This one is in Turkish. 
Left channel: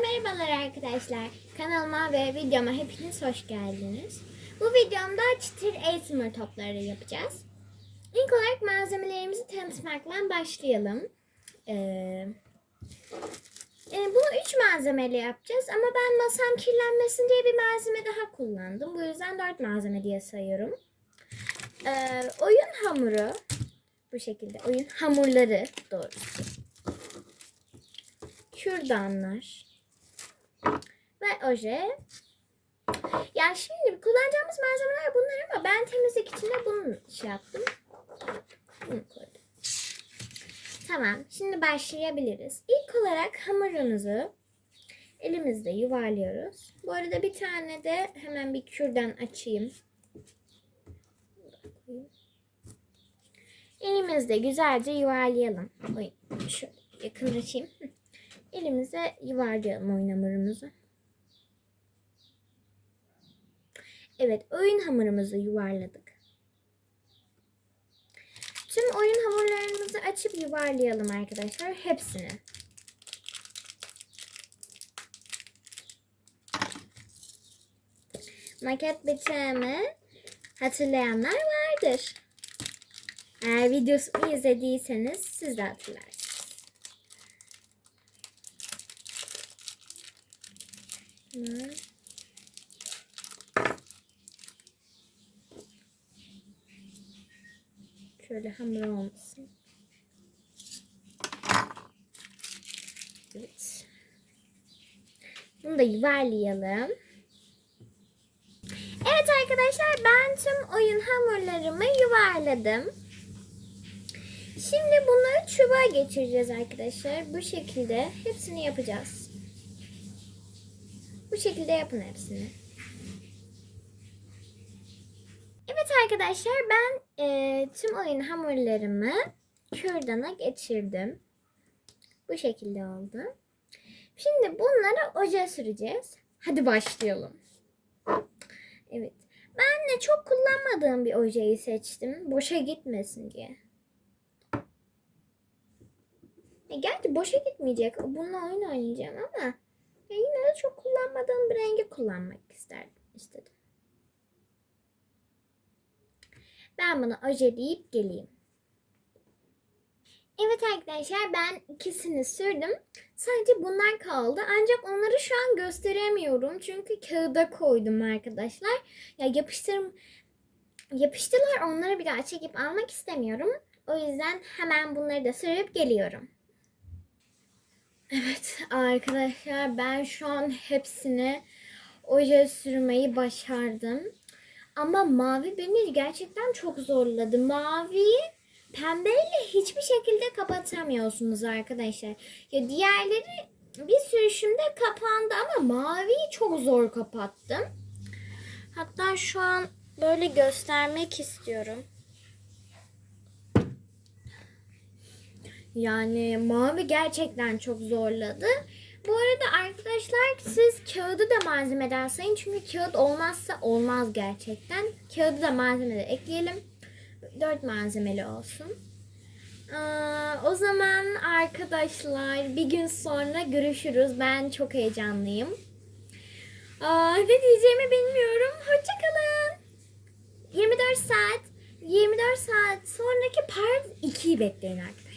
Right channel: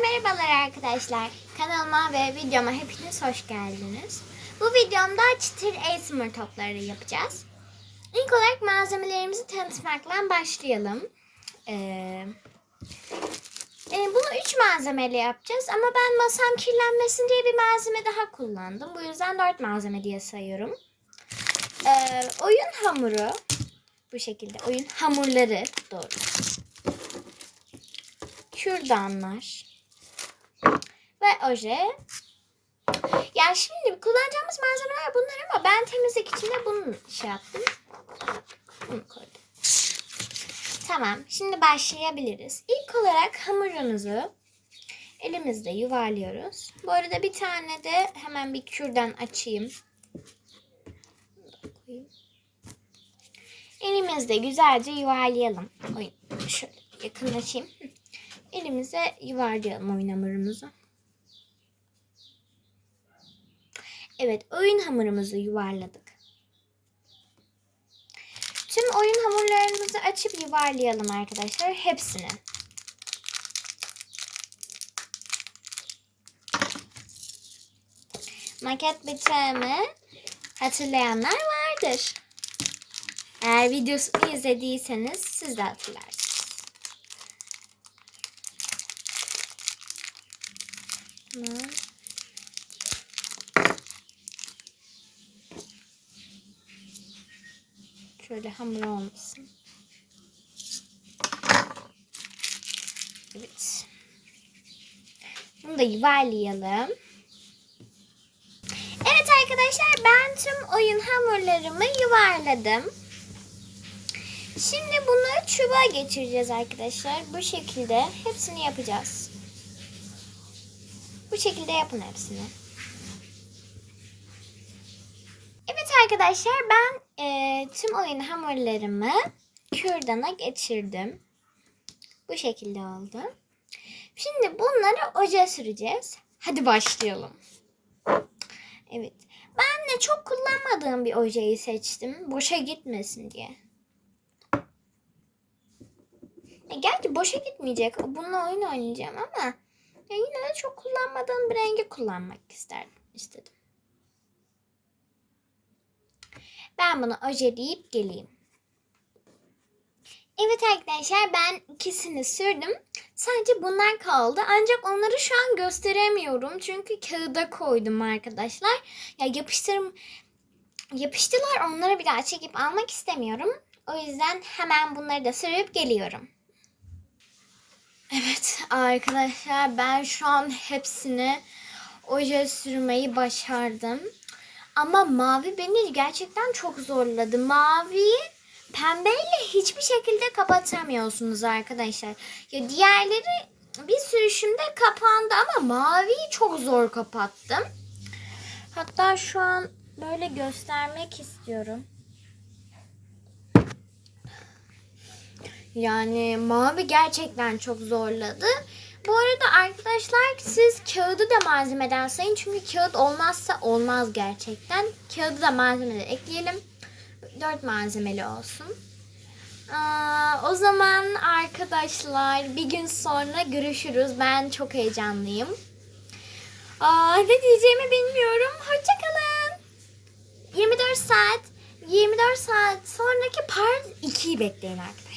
merhabalar arkadaşlar. Kanalıma ve videoma hepiniz hoş geldiniz. Bu videomda çıtır ASMR topları yapacağız. İlk olarak malzemelerimizi tanıtmakla başlayalım. Ee, e, bunu 3 malzemeyle yapacağız ama ben masam kirlenmesin diye bir malzeme daha kullandım. Bu yüzden 4 malzeme diye sayıyorum. Ee, oyun hamuru bu şekilde. Oyun hamurları doğrusu kürdanlar ve oje. Ya şimdi kullanacağımız malzemeler bunlar ama ben temizlik için de bunu şey yaptım. Bunu koydum. Tamam. Şimdi başlayabiliriz. İlk olarak hamurumuzu elimizde yuvarlıyoruz. Bu arada bir tane de hemen bir kürdan açayım. Elimizde güzelce yuvarlayalım. Şöyle yakınlaşayım. Elimize yuvarlayalım oyun hamurumuzu. Evet oyun hamurumuzu yuvarladık. Tüm oyun hamurlarımızı açıp yuvarlayalım arkadaşlar. Hepsini. Maket bıçağımı hatırlayanlar vardır. Eğer videosunu izlediyseniz siz de hatırlarsınız. Şöyle hamur olmasın. Evet. Bunu da yuvarlayalım. Evet arkadaşlar ben tüm oyun hamurlarımı yuvarladım. Şimdi bunu çubuğa geçireceğiz arkadaşlar. Bu şekilde hepsini yapacağız. Bu şekilde yapın hepsini. Evet arkadaşlar ben e, tüm oyun hamurlarımı kürdana geçirdim. Bu şekilde oldu. Şimdi bunları ocağa süreceğiz. Hadi başlayalım. Evet. Ben de çok kullanmadığım bir ojeyi seçtim. Boşa gitmesin diye. E, gerçi boşa gitmeyecek. Bununla oyun oynayacağım ama ya yine de çok kullanmadığım bir rengi kullanmak isterdim, istedim. Ben bunu ojeleyip geleyim. Evet arkadaşlar ben ikisini sürdüm. Sadece bunlar kaldı. Ancak onları şu an gösteremiyorum. Çünkü kağıda koydum arkadaşlar. Ya yapıştırım yapıştılar. Onları bir daha çekip almak istemiyorum. O yüzden hemen bunları da sürüp geliyorum. Evet arkadaşlar ben şu an hepsini oje sürmeyi başardım. Ama mavi beni gerçekten çok zorladı. Maviyi pembeyle hiçbir şekilde kapatamıyorsunuz arkadaşlar. Ya diğerleri bir sürüşümde kapandı ama maviyi çok zor kapattım. Hatta şu an böyle göstermek istiyorum. Yani mavi gerçekten çok zorladı. Bu arada arkadaşlar siz kağıdı da malzemeden sayın. Çünkü kağıt olmazsa olmaz gerçekten. Kağıdı da malzemede ekleyelim. Dört malzemeli olsun. Aa, o zaman arkadaşlar bir gün sonra görüşürüz. Ben çok heyecanlıyım. Aa, ne diyeceğimi bilmiyorum. Hoşçakalın. 24 saat 24 saat sonraki part 2'yi bekleyin arkadaşlar.